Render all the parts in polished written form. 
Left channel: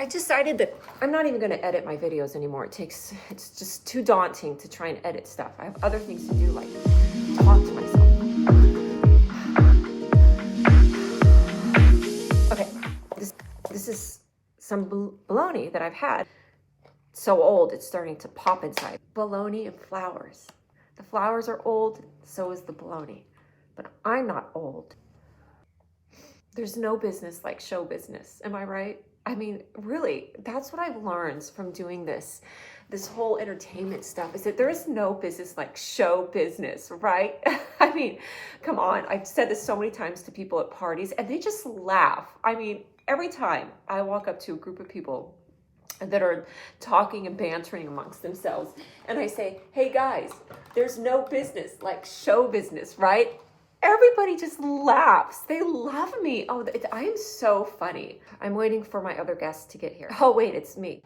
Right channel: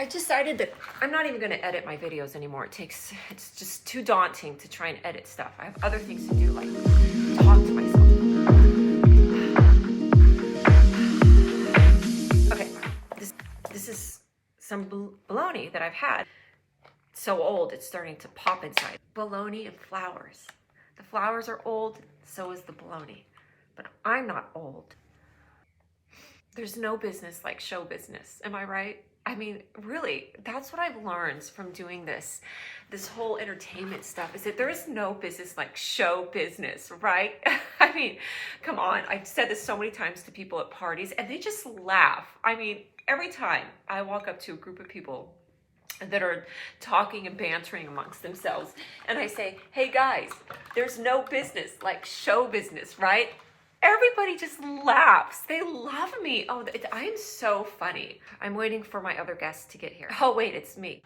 I decided that I'm not even going to edit my videos anymore. It's just too daunting to try and edit stuff. I have other things to do, like talk to myself. Okay, this is some bologna that I've had. It's so old, it's starting to pop inside. Bologna and flowers. The flowers are old, so is the bologna. But I'm not old. There's no business like show business, am I right? I mean, really, that's what I've learned from doing this whole entertainment stuff, is that there is no business like show business, right? I mean, come on. I've said this so many times to people at parties and they just laugh. I mean, every time I walk up to a group of people that are talking and bantering amongst themselves and I say, hey guys, there's no business like show business, right? Everybody just laughs. They love me. Oh, I am so funny. I'm waiting for my other guests to get here. Oh, wait, it's me.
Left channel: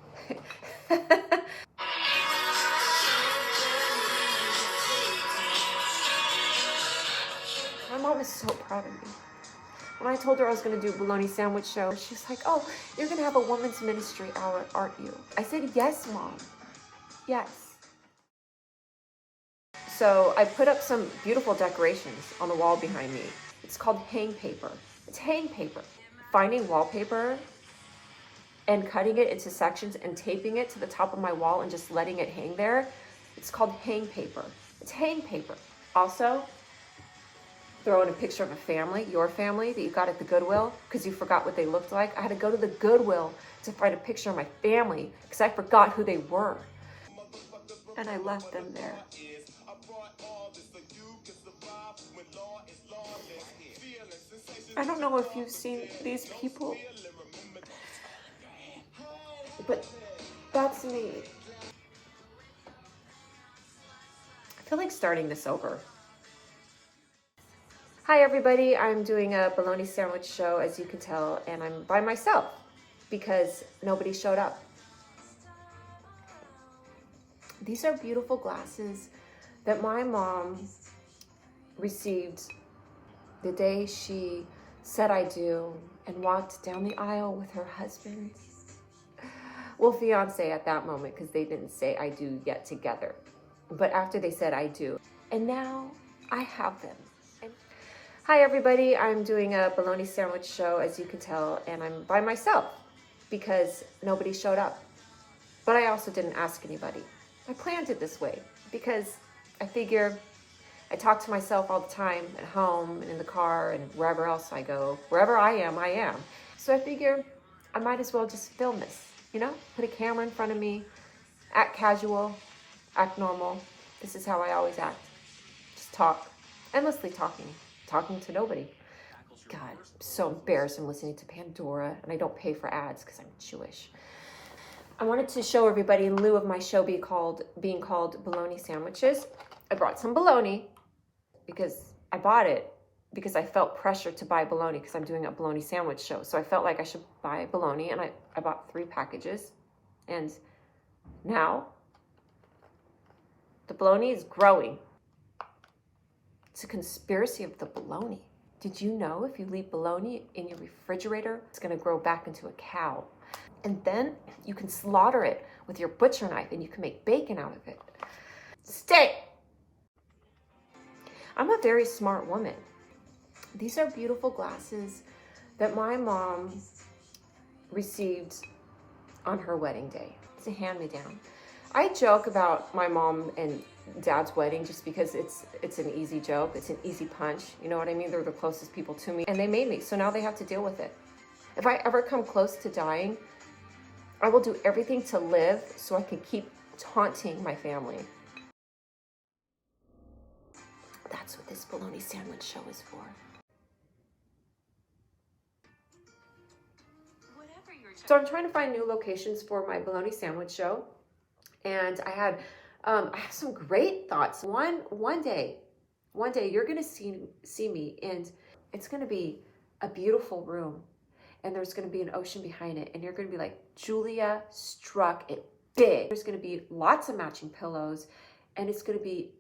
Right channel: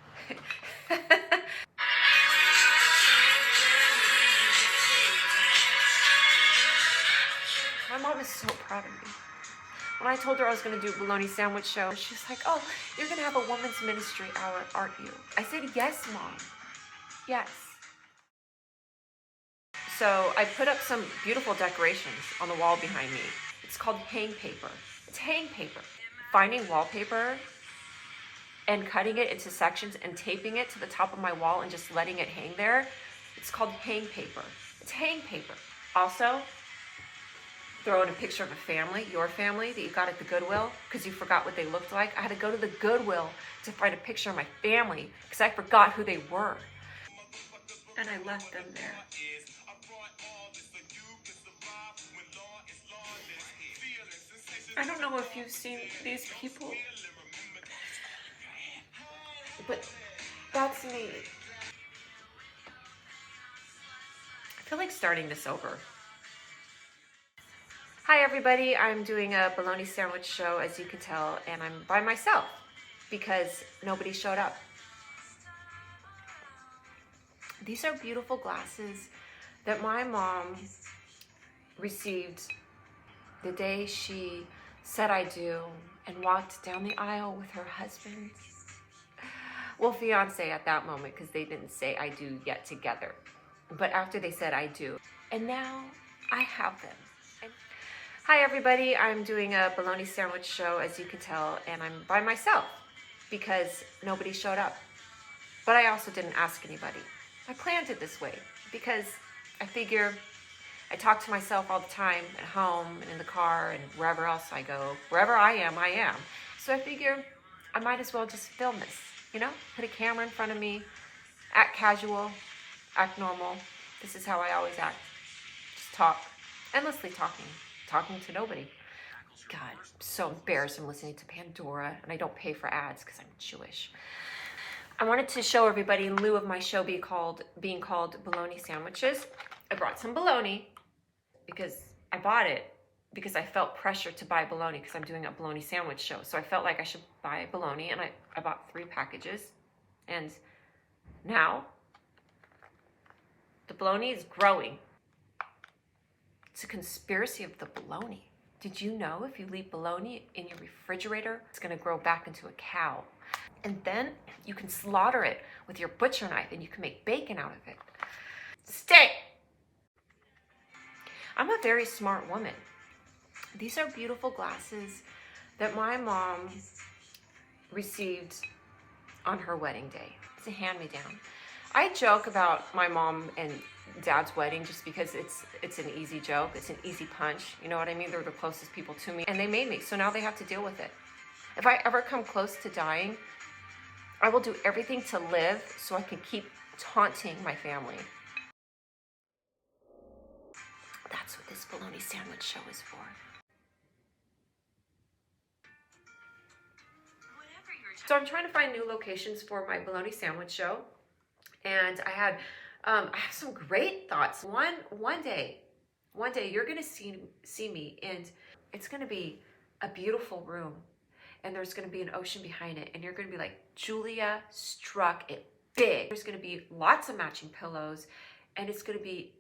My mom is so proud of me. When I told her I was going to do a bologna sandwich show, she's like, oh, you're going to have a women's ministry hour, aren't you? I said, yes, Mom. Yes. So I put up some beautiful decorations on the wall behind me. It's called hang paper. It's hang paper. Finding wallpaper and cutting it into sections and taping it to the top of my wall and just letting it hang there. It's called hang paper. It's hang paper. Also, throw in a picture of a family, your family, that you got at the Goodwill because you forgot what they looked like. I had to go to the Goodwill to find a picture of my family because I forgot who they were. And I left them there. I don't know if you've seen these people, but that's me. I feel like starting this over. Hi everybody, I'm doing a bologna sandwich show, as you can tell, and I'm by myself because nobody showed up. These are beautiful glasses that my mom received the day she said I do and walked down the aisle with her husband. Well, fiance at that moment, because they didn't say I do yet together. But after they said I do. And now I have them. Hi everybody, I'm doing a bologna sandwich show, as you can tell, and I'm by myself because nobody showed up. But I also didn't ask anybody. I planned it this way because I figure I talk to myself all the time at home and in the car and wherever else I go. Wherever I am. So I figure I might as well just film this, you know? Put a camera in front of me, act casual, act normal. This is how I always act. Just talk, endlessly talking to nobody. God, I'm so embarrassed. I'm listening to Pandora and I don't pay for ads because I'm Jewish. I wanted to show everybody, in lieu of my show being called Bologna Sandwiches, I brought some bologna because I bought it because I felt pressure to buy bologna because I'm doing a bologna sandwich show. So I felt like I should buy bologna, and I bought 3 packages. And now the bologna is growing. It's a conspiracy of the bologna. Did you know if you leave bologna in your refrigerator, it's going to grow back into a cow? And then you can slaughter it with your butcher knife and you can make bacon out of it. Stay! I'm a very smart woman. These are beautiful glasses that my mom received on her wedding day. It's a hand-me-down. I joke about my mom and dad's wedding just because it's an easy joke. It's an easy punch. You know what I mean? They're the closest people to me and they made me. So now they have to deal with it. If I ever come close to dying, I will do everything to live so I can keep taunting my family. That's what this bologna sandwich show is for. So I'm trying to find new locations for my bologna sandwich show. And I have some great thoughts. One day you're gonna see me, and it's gonna be a beautiful room. And there's going to be an ocean behind it. And you're going to be like, Julia struck it big. There's going to be lots of matching pillows. And it's going to be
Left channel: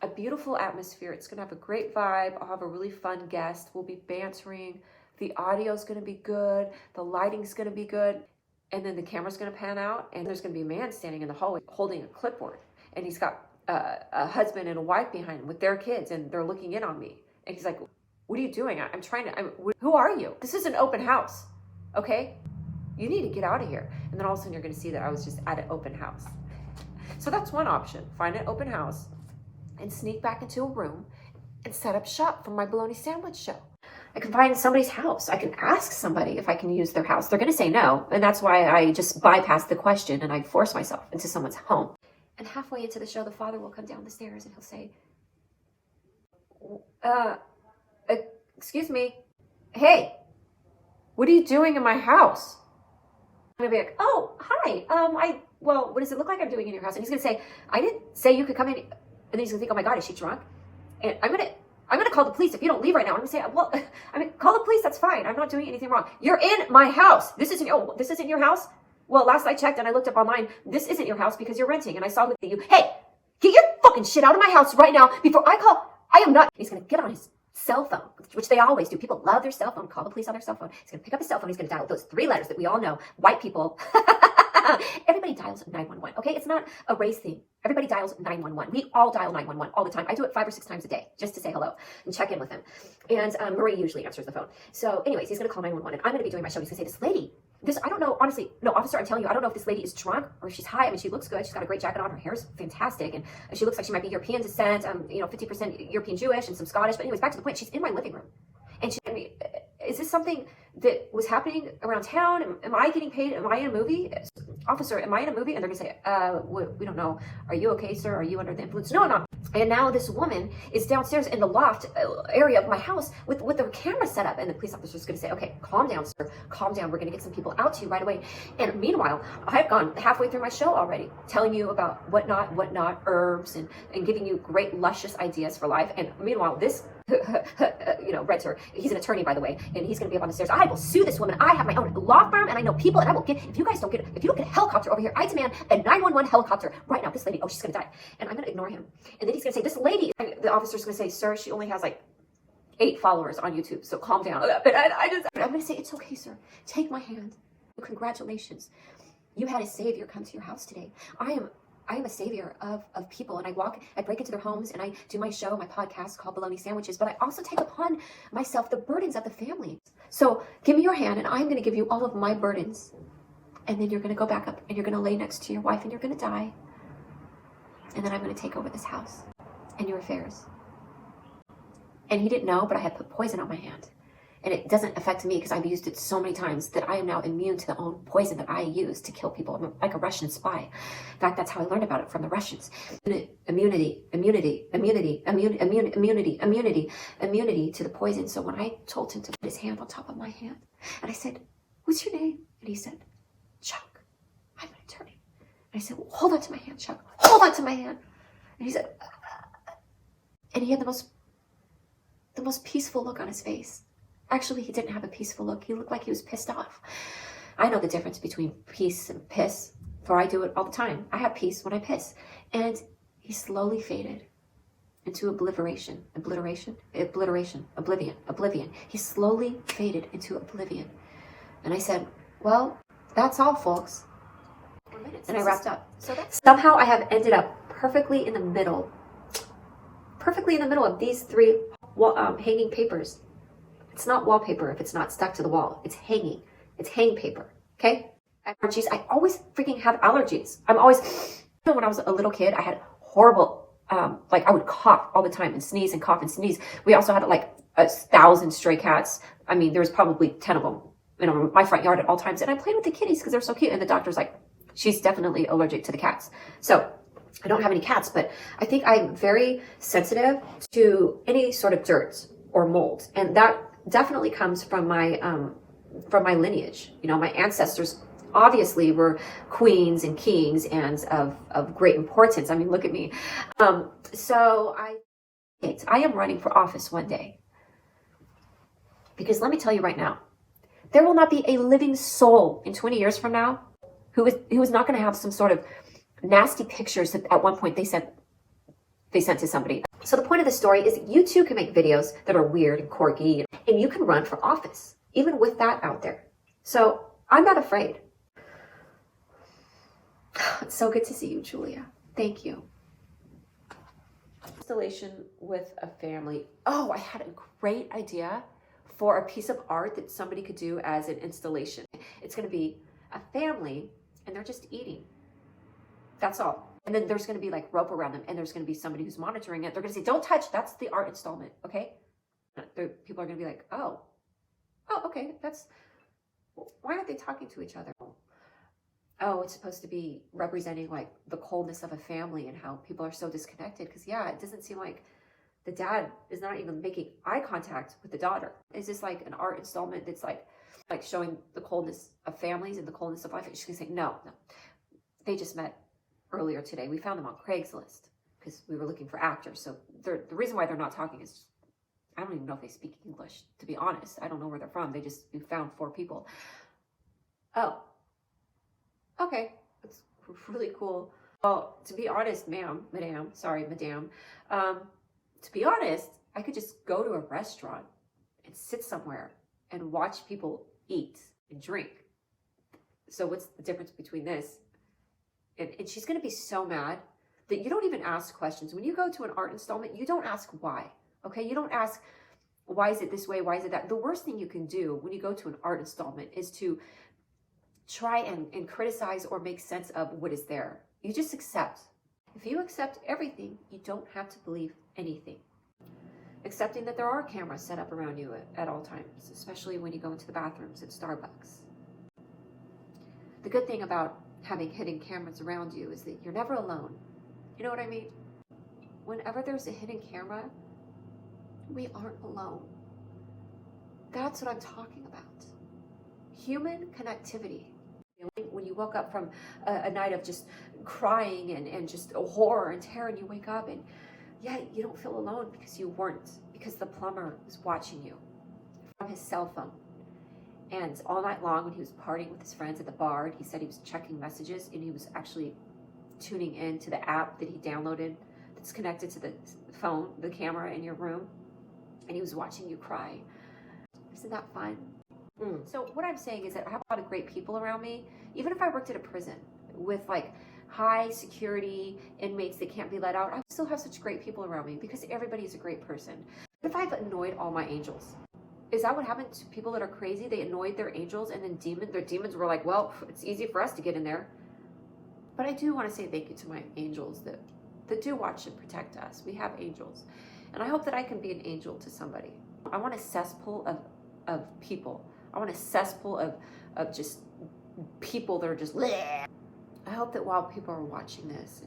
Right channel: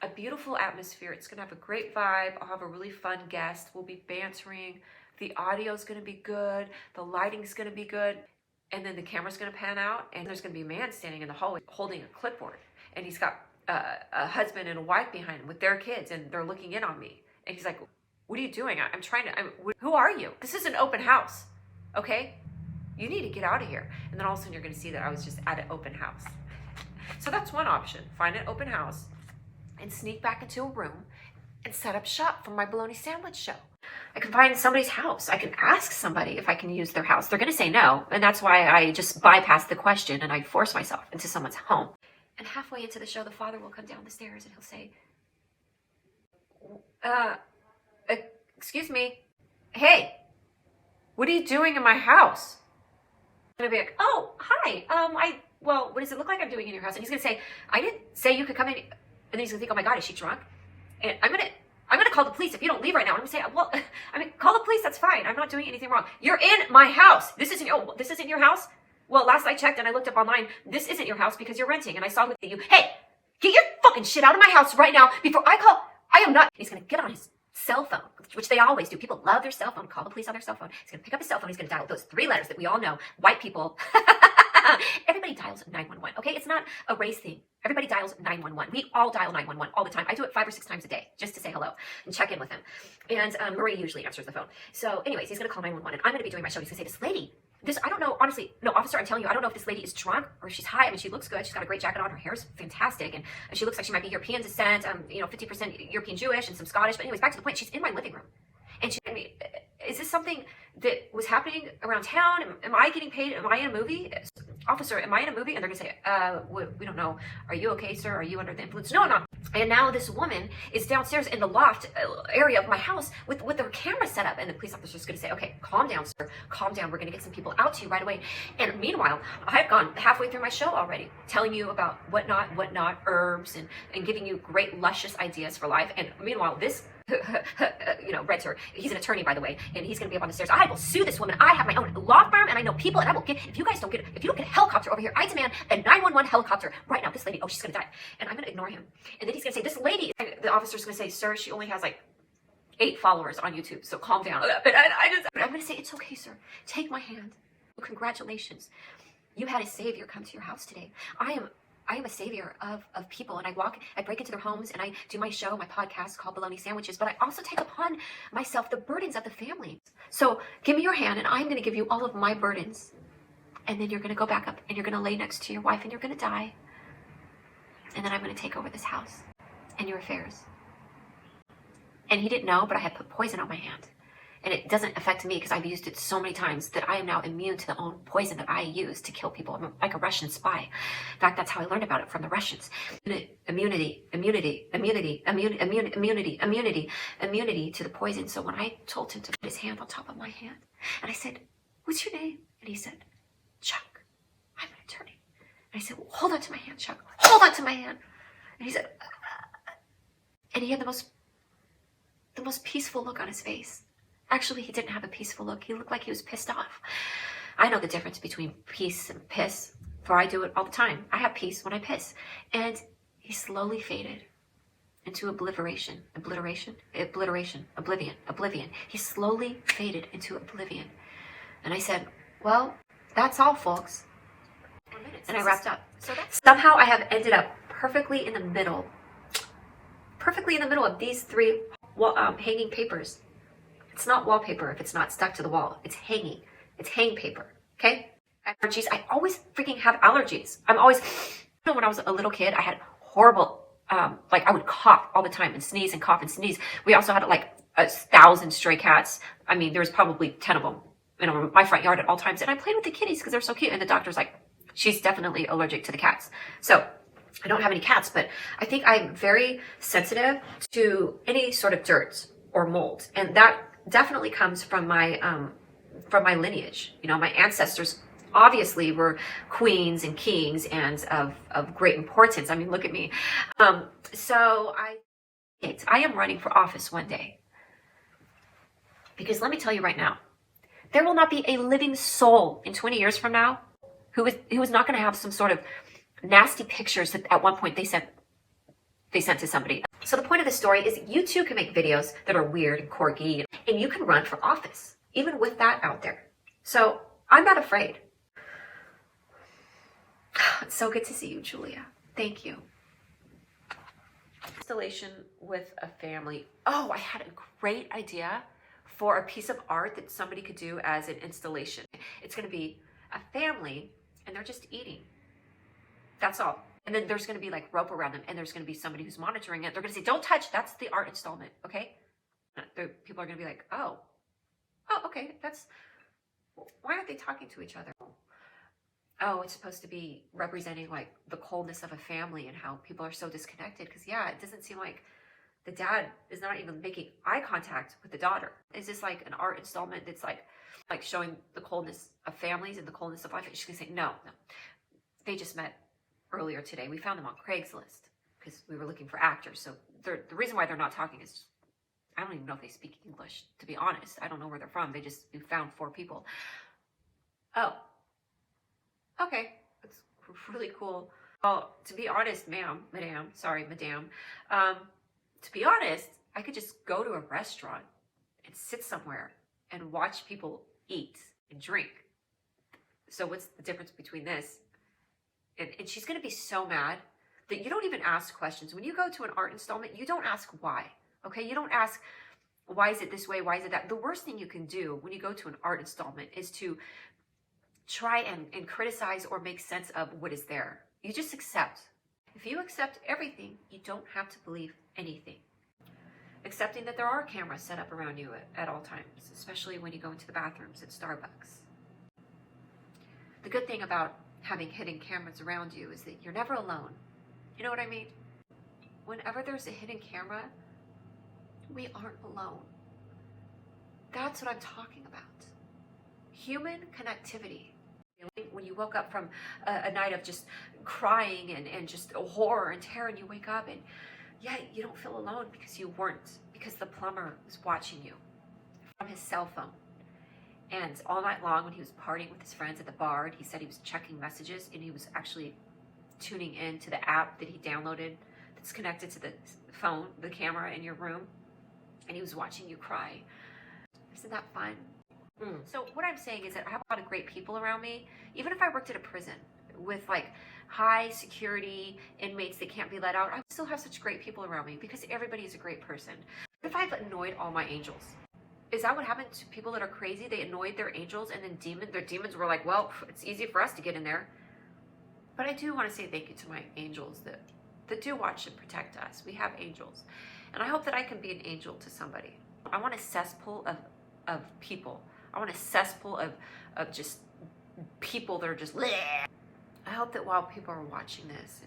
a beautiful atmosphere. It's going to have a great vibe. I'll have a really fun guest. We'll be bantering. The audio is going to be good. The lighting is going to be good. and then the camera's going to pan out, and there's going to be a man standing in the hallway holding a clipboard, and he's got a husband and a wife behind him with their kids, and they're looking in on me. And he's like, what are you doing? I'm trying to, who are you? This is an open house, okay? You need to get out of here. And then all of a sudden you're going to see that I was just at an open house. So that's one option. Find an open house and sneak back into a room and set up shop for my bologna sandwich show. I can find somebody's house. I can ask somebody if I can use their house. They're going to say no. And that's why I just bypass the question and I force myself into someone's home. And halfway into the show, the father will come down the stairs and he'll say, excuse me, hey, what are you doing in my house? And I'll be like, oh, hi. Well, what does it look like I'm doing in your house? And he's going to say, I didn't say you could come in. And then he's going to think, oh my God, is she drunk? And I'm going to call the police if you don't leave right now. I'm going to say, well, call the police. That's fine. I'm not doing anything wrong. You're in my house. This isn't your house? Well, last I checked and I looked up online, this isn't your house because you're renting. And I saw you. Hey, get your fucking shit out of my house right now before I call. I am not. He's going to get on his cell phone, which they always do. People love their cell phone. Call the police on their cell phone. He's going to pick up his cell phone. He's going to dial those 3 letters that we all know. White people. Everybody dials 911. Okay, it's not a race thing. Everybody dials 911. We all dial 911 all the time. I do it 5 or 6 times a day just to say hello and check in with him. And Marie usually answers the phone. So anyways, he's going to call 911 and I'm going to be doing my show. He's going to say, this lady, I don't know, honestly, no, officer, I'm telling you, I don't know if this lady is drunk or if she's high. I mean, she looks good. She's got a great jacket on. Her hair's fantastic. And she looks like she might be European descent, 50% European Jewish and some Scottish. But anyways, back to the point. She's in my living room. And is this something that was happening around town? Am I getting paid? Am I in a movie? Officer, am I in a movie? And they're going to say, we don't know. Are you okay, sir? Are you under the influence? No, I'm not. And now this woman is downstairs in the loft area of my house with their camera set up. And the police officer is going to say, okay, calm down, sir. Calm down. We're going to get some people out to you right away. And meanwhile, I've gone halfway through my show already, telling you about whatnot, herbs, and giving you great, luscious ideas for life. And meanwhile, this Redter, he's an attorney, by the way, and he's going to be up on the stairs. I will sue this woman. I have my own law firm, and I know people, and I will get, if you don't get a helicopter over here, I demand a 911 helicopter right now. This lady, she's going to die. And I'm going to ignore him. And then he's going to say, this lady, the officer's going to say, sir, she only has like 8 followers on YouTube, so calm down. But I'm going to say, it's okay, sir. Take my hand. Congratulations. You had a savior come to your house today. I am a savior of people, and I break into their homes, and I do my show, my podcast called Baloney Sandwiches, but I also take upon myself the burdens of the family. So give me your hand, and I'm going to give you all of my burdens. And then you're going to go back up, and you're going to lay next to your wife, and you're going to die. And then I'm going to take over this house and your affairs. And he didn't know, but I had put poison on my hand. And it doesn't affect me because I've used it so many times that I am now immune to the own poison that I use to kill people. I'm like a Russian spy. In fact, that's how I learned about it from the Russians. Immunity to the poison. So when I told him to put his hand on top of my hand, and I said, what's your name? And he said, Chuck, I'm an attorney. And I said, well, hold on to my hand, Chuck. Hold on to my hand. And he said, and he had the most peaceful look on his face. Actually, he didn't have a peaceful look. He looked like he was pissed off. I know the difference between peace and piss, for I do it all the time. I have peace when I piss. And he slowly faded into oblivion. He slowly faded into oblivion. And I said, well, that's all, folks. And I wrapped up. Somehow I have ended up perfectly in the middle of these 3 hanging papers. It's not wallpaper if it's not stuck to the wall. It's hanging. It's hang paper. Okay? Allergies. I always freaking have allergies. When I was a little kid, I had horrible, I would cough all the time and sneeze and cough and sneeze. We also had like 1,000 stray cats. I mean, there was probably 10 of them in my front yard at all times. And I played with the kitties because they're so cute. And the doctor's like, she's definitely allergic to the cats. So I don't have any cats, but I think I'm very sensitive to any sort of dirt or mold. And that definitely comes from my lineage. My ancestors obviously were queens and kings and of great importance. I mean, look at me. So I am running for office one day. Because let me tell you right now, there will not be a living soul in 20 years from now who is not going to have some sort of nasty pictures that at one point they sent to somebody. So the point of the story is you too can make videos that are weird and quirky, and you can run for office, even with that out there. So I'm not afraid. It's so good to see you, Julia. Thank you. Installation with a family. Oh, I had a great idea for a piece of art that somebody could do as an installation. It's going to be a family and they're just eating. That's all. And then there's going to be like rope around them and there's going to be somebody who's monitoring it. They're going to say, don't touch. That's the art installment. Okay. People are going to be like, oh, okay. Why aren't they talking to each other? Oh, it's supposed to be representing like the coldness of a family and how people are so disconnected. Because yeah, it doesn't seem like the dad is not even making eye contact with the daughter. Is this like an art installment that's like showing the coldness of families and the coldness of life? And she's gonna say, no. They just met earlier today. We found them on Craigslist because we were looking for actors. So the reason why they're not talking is I don't even know if they speak English, to be honest. I don't know where they're from. We found 4 people. Oh. Okay, that's really cool. Well, to be honest, madam, to be honest, I could just go to a restaurant and sit somewhere and watch people eat and drink. So what's the difference between this? And she's gonna be so mad that you don't even ask questions. When you go to an art installment, you don't ask why, okay? You don't ask, why is it this way? Why is it that? The worst thing you can do when you go to an art installment is to try and criticize or make sense of what is there. You just accept. If you accept everything, you don't have to believe anything. Accepting that there are cameras set up around you at all times, especially when you go into the bathrooms at Starbucks. The good thing about having hidden cameras around you is that you're never alone. You know what I mean? Whenever there's a hidden camera, we aren't alone. That's what I'm talking about. Human connectivity. When you woke up from a night of just crying and just horror and terror, and you wake up and yeah, you don't feel alone because the plumber was watching you from his cell phone. And all night long when he was partying with his friends at the bar, he said he was checking messages and he was actually tuning in to the app that he downloaded that's connected to the phone, the camera in your room, and he was watching you cry. Isn't that fun? So what I'm saying is that I have a lot of great people around me. Even if I worked at a prison with like high security inmates that can't be let out, I still have such great people around me because everybody is a great person. What if I've annoyed all my angels? Is that what happened to people that are crazy? They annoyed their angels and then their demons were like, well, it's easy for us to get in there. But I do want to say thank you to my angels that do watch and protect us. We have angels. And I hope that I can be an angel to somebody. I want a cesspool of people. I want a cesspool of just people that are just bleh. I hope that while people are watching this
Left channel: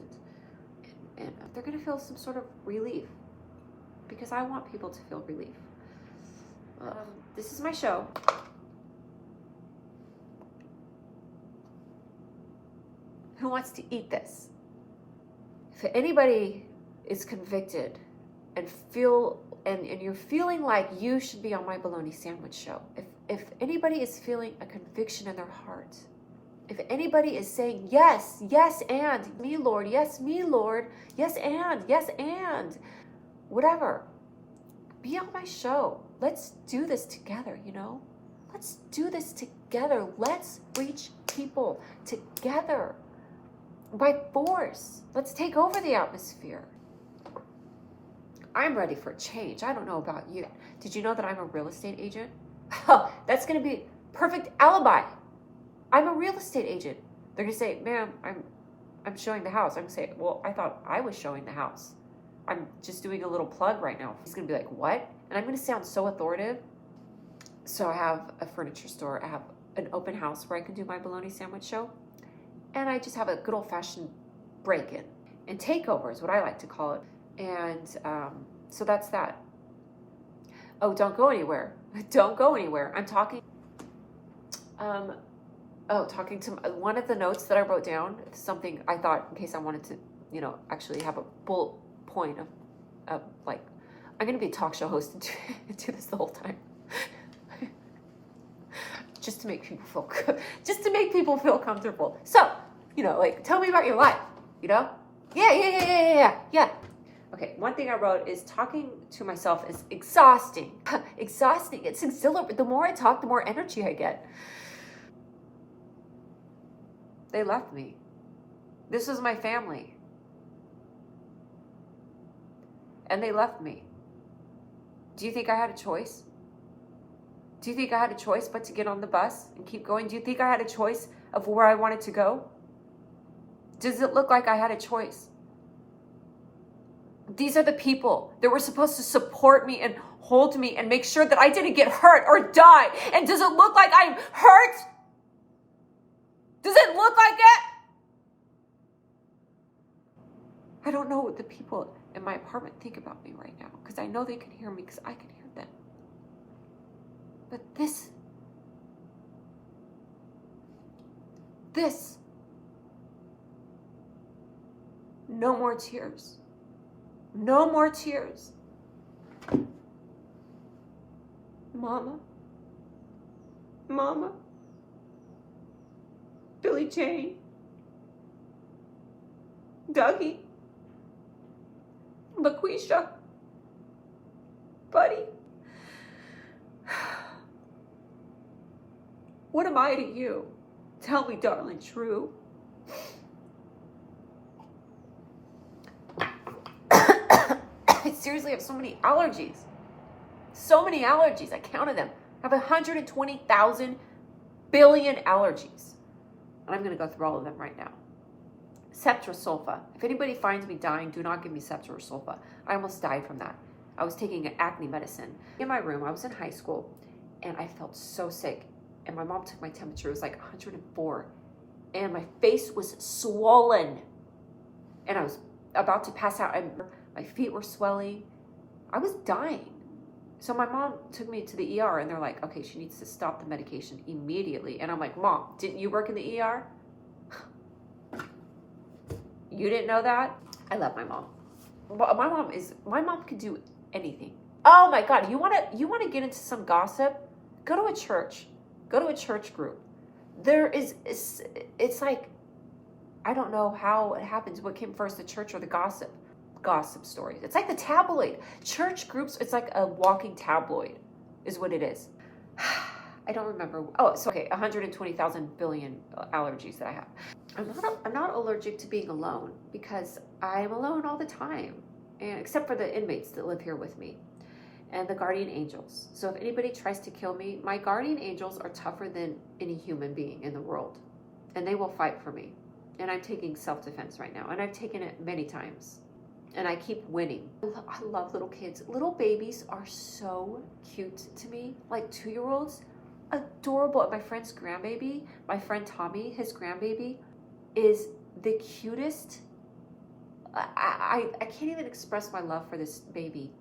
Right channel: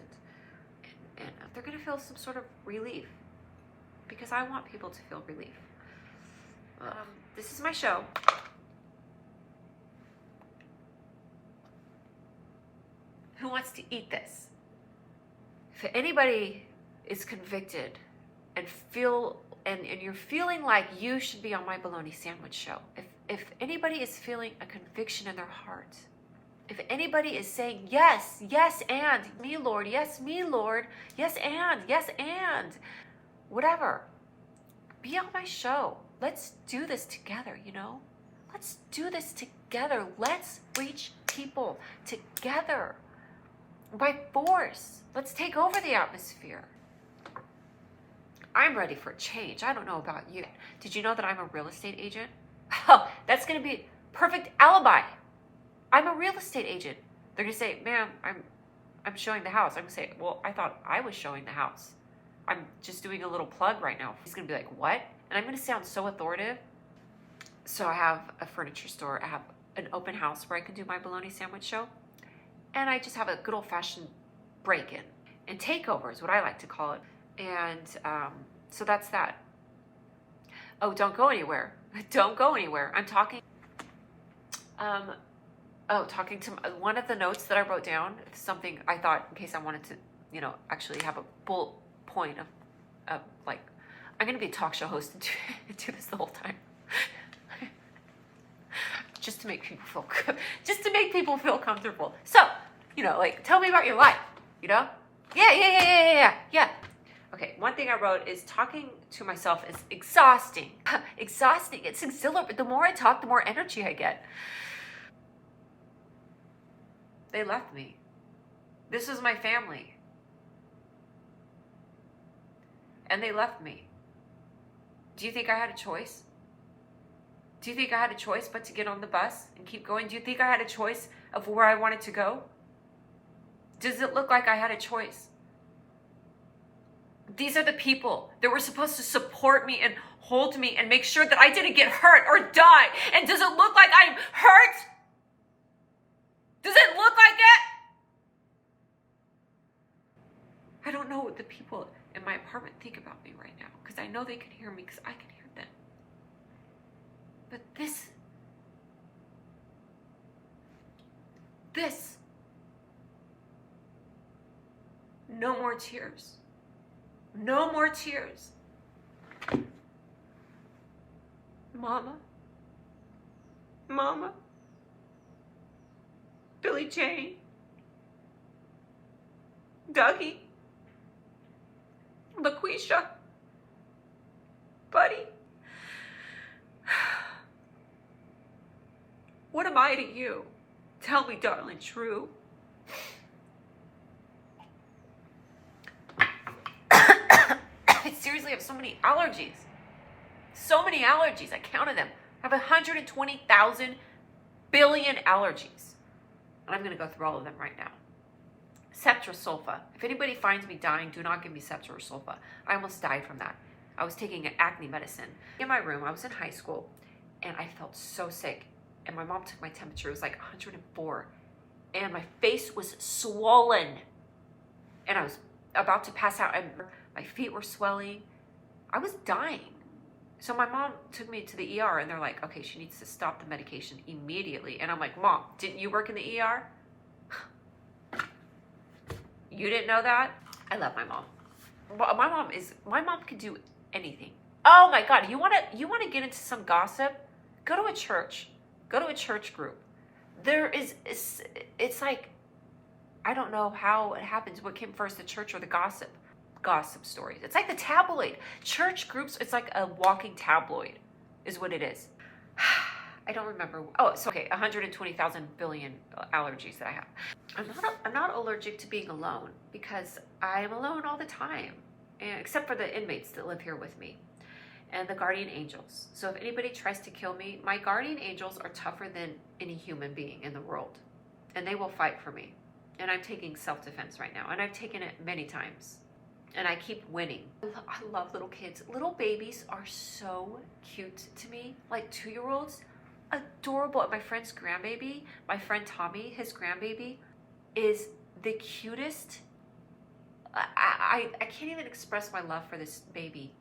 and they're going to feel some sort of relief, because I want people to feel relief. This is my show. Who wants to eat this? If anybody is convicted and you're feeling like you should be on my bologna sandwich show, if anybody is feeling a conviction in their heart, if anybody is saying, yes, and me, Lord, yes, me, Lord, yes, and whatever, be on my show. Let's do this together, you know? Let's do this together. Let's reach people together by force. Let's take over the atmosphere. I'm ready for a change. I don't know about you. Did you know that I'm a real estate agent? Oh, that's going to be perfect alibi. I'm a real estate agent. They're going to say, ma'am, I'm showing the house. I'm going to say, well, I thought I was showing the house. I'm just doing a little plug right now. He's going to be like, what? And I'm going to sound so authoritative. So I have a furniture store. I have an open house where I can do my bologna sandwich show. And I just have a good old-fashioned break-in. And takeover is what I like to call it. And so that's that. Oh, don't go anywhere. Don't go anywhere. I'm talking. Talking to one of the notes that I wrote down. Something I thought in case I wanted to, actually have a bullet point of like, I'm going to be a talk show host and do this the whole time. Just to make people feel good. Just to make people feel comfortable. So, like, tell me about your life, Yeah. Okay, one thing I wrote is talking to myself is exhausting. Exhausting. It's exhilarating. The more I talk, the more energy I get. They left me. This was my family. And they left me. Do you think I had a choice? Do you think I had a choice but to get on the bus and keep going? Do you think I had a choice of where I wanted to go? Does it look like I had a choice? These are the people that were supposed to support me and hold me and make sure that I didn't get hurt or die. And does it look like I'm hurt? Does it look like it? I don't know what the people in my apartment think about me right now, because I know they can hear me because I can hear them. But this, no more tears. No more tears. Mama, Billie Jane, Dougie, LaQuisha, Buddy. What am I to you? Tell me, darling, true. I seriously have so many allergies. So many allergies. I counted them. I have 120,000 billion allergies. And I'm going to go through all of them right now. Ceftriaxone. If anybody finds me dying, do not give me ceftriaxone. I almost died from that. I was taking an acne medicine. In my room, I was in high school, and I felt so sick. And my mom took my temperature. It was like 104. And my face was swollen. And I was about to pass out. And my feet were swelling. I was dying. So my mom took me to the ER, and they're like, okay, she needs to stop the medication immediately. And I'm like, Mom, didn't you work in the ER? You didn't know that? I love my mom. My mom can do anything. Oh my God, you wanna get into some gossip? Go to a church. Go to a church group. It's like, I don't know how it happens. What came first, the church or the gossip? Gossip stories. It's like the tabloid. Church groups, it's like a walking tabloid is what it is. I don't remember. Oh, so okay, 120,000 billion allergies that I have. I'm not allergic to being alone, because I'm alone all the time, and except for the inmates that live here with me and the guardian angels. So if anybody tries to kill me, my guardian angels are tougher than any human being in the world, and they will fight for me. And I'm taking self-defense right now, and I've taken it many times. And I keep winning. I love little kids. Little babies are so cute to me. Like 2-year-olds, adorable. My friend's grandbaby, my friend Tommy, his grandbaby, is the cutest. I can't even express my love for this baby.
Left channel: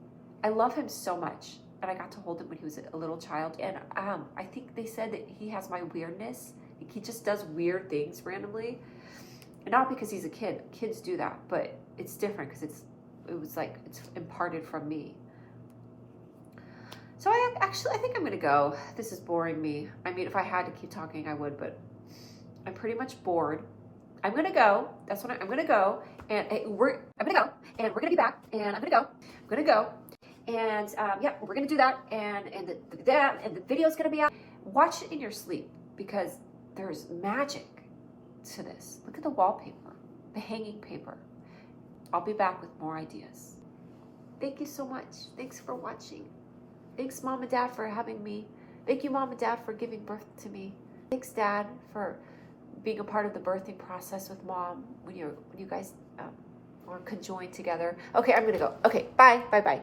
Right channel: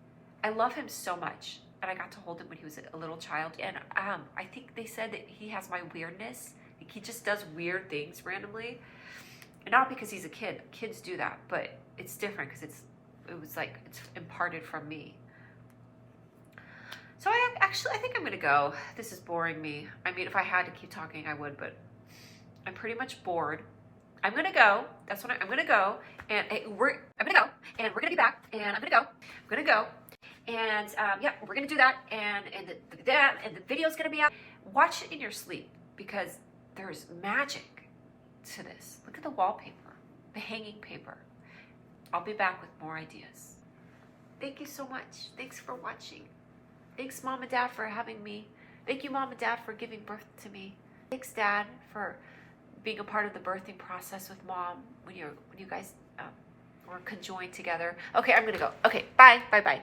I love him so much. And I got to hold him when he was a little child. And I think they said that he has my weirdness. He just does weird things randomly. Not because he's a kid. Kids do that, but it's different because it's imparted from me. So I think I'm gonna go. This is boring me. I mean, if I had to keep talking, I would, but I'm pretty much bored. I'm gonna go. That's what I'm gonna go, and we're gonna be back, and I'm gonna go, and yeah, we're gonna do that, and the video's gonna be out. Watch it in your sleep, because there's magic to this. Look at the wallpaper, the hanging paper. I'll be back with more ideas. Thank you so much. Thanks for watching. Thanks, Mom and Dad, for having me. Thank you, Mom and Dad, for giving birth to me. Thanks, Dad, for being a part of the birthing process with Mom when you guys were conjoined together. Okay, I'm gonna go. Okay, bye.